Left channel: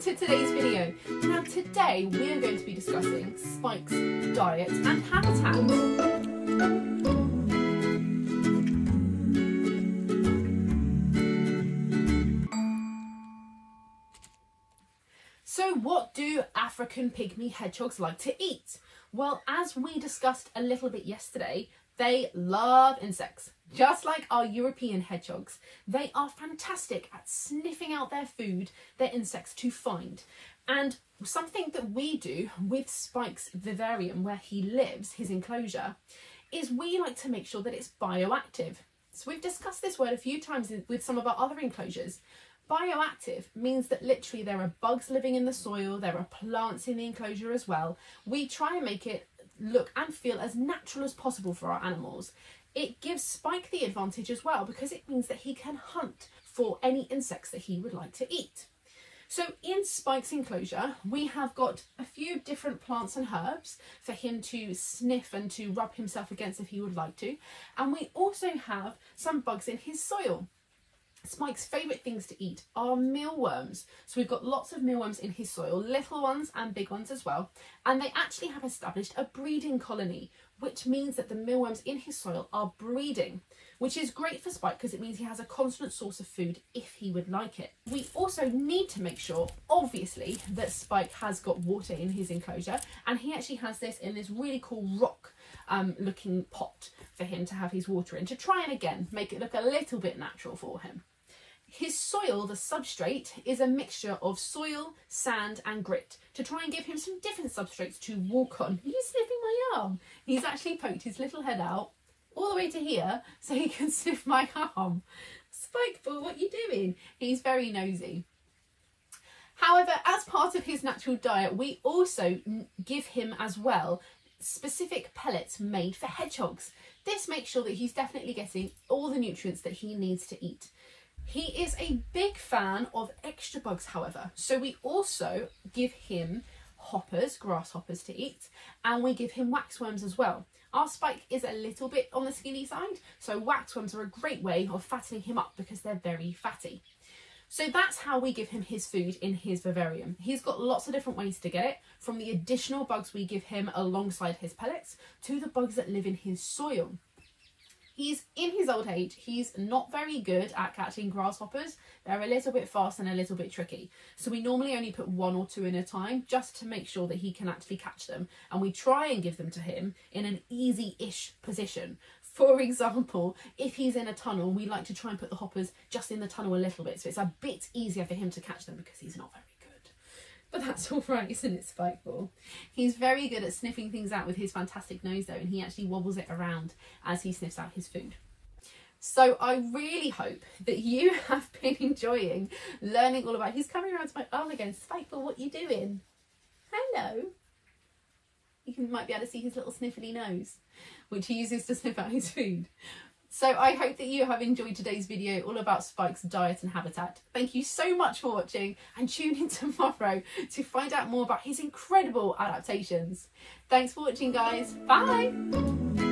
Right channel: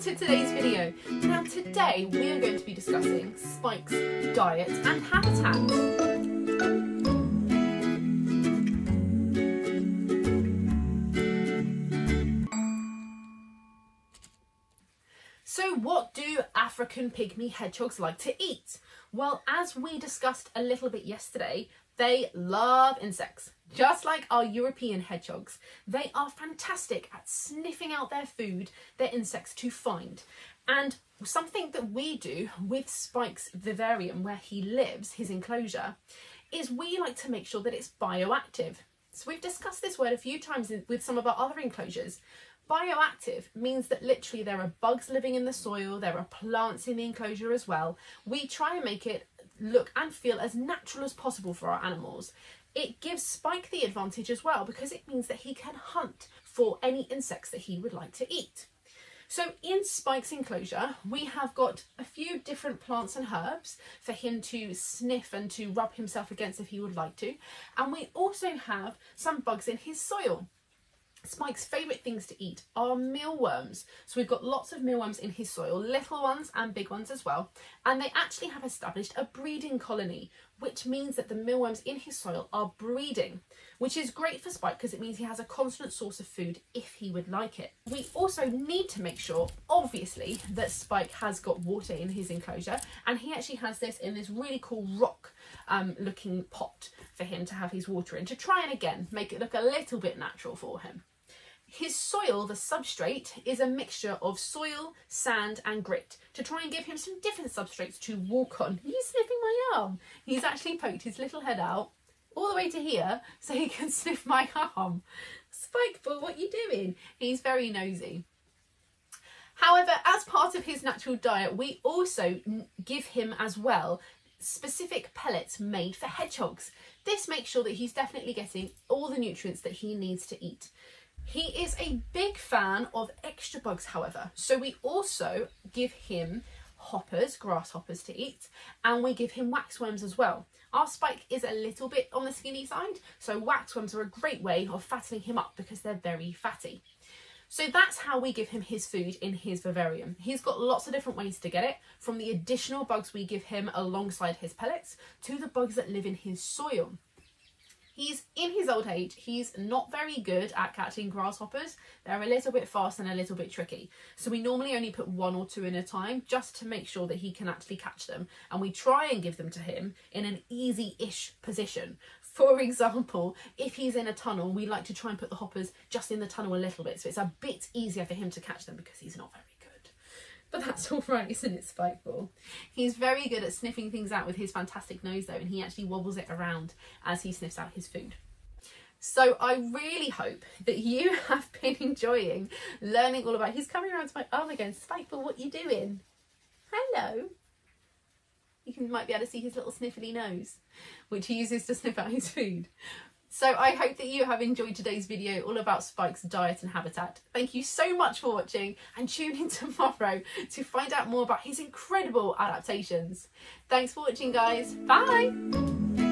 to today's video. Now today we are going to be discussing Spike's diet and habitat. So what do African pygmy hedgehogs like to eat? Well, as we discussed a little bit yesterday, they love insects. Just like our European hedgehogs, they are fantastic at sniffing out their food, their insects to find. And something that we do with Spike's vivarium, where he lives, his enclosure, is we like to make sure that it's bioactive. So we've discussed this word a few times with some of our other enclosures. Bioactive means that literally there are bugs living in the soil, there are plants in the enclosure as well. We try and make it look and feel as natural as possible for our animals. It gives Spike the advantage as well because it means that he can hunt for any insects that he would like to eat. So in Spike's enclosure, we have got a few different plants and herbs for him to sniff and to rub himself against if he would like to. And we also have some bugs in his soil. Spike's favourite things to eat are mealworms. So we've got lots of mealworms in his soil, little ones and big ones as well. And they actually have established a breeding colony, which means that the mealworms in his soil are breeding, which is great for Spike because it means he has a constant source of food if he would like it. We also need to make sure, obviously, that Spike has got water in his enclosure, and he actually has this in this really cool rock looking pot for him to have his water in, to try and again make it look a little bit natural for him. His soil, the substrate, is a mixture of soil, sand and grit to try and give him some different substrates to walk on. He's sniffing my arm. He's actually poked his little head out all the way to here so he can sniff my arm. Spike, but what are you doing? He's very nosy. However, as part of his natural diet, we also give him as well specific pellets made for hedgehogs. This makes sure that he's definitely getting all the nutrients that he needs to eat. He is a big fan of extra bugs, however, so we also give him hoppers, grasshoppers to eat, and we give him waxworms as well. Our Spike is a little bit on the skinny side, so waxworms are a great way of fattening him up because they're very fatty. So that's how we give him his food in his vivarium. He's got lots of different ways to get it, from the additional bugs we give him alongside his pellets to the bugs that live in his soil. He's in his old age, he's not very good at catching grasshoppers. They're a little bit fast and a little bit tricky. So we normally only put 1 or 2 in a time just to make sure that he can actually catch them. And we try and give them to him in an easy-ish position. For example, if he's in a tunnel, we like to try and put the hoppers just in the tunnel a little bit. So it's a bit easier for him to catch them because he's not very good. But that's all right, isn't it, Spikeball? He's very good at sniffing things out with his fantastic nose though, and he actually wobbles it around as he sniffs out his food. So I really hope that you have been enjoying learning all about... He's coming around to my arm again. Spikeball, what are you doing? Hello. You might be able to see his little sniffly nose, which he uses to sniff out his food. So I hope that you have enjoyed today's video all about Spike's diet and habitat. Thank you so much for watching, and tune in tomorrow to find out more about his incredible adaptations. Thanks for watching, guys. Bye!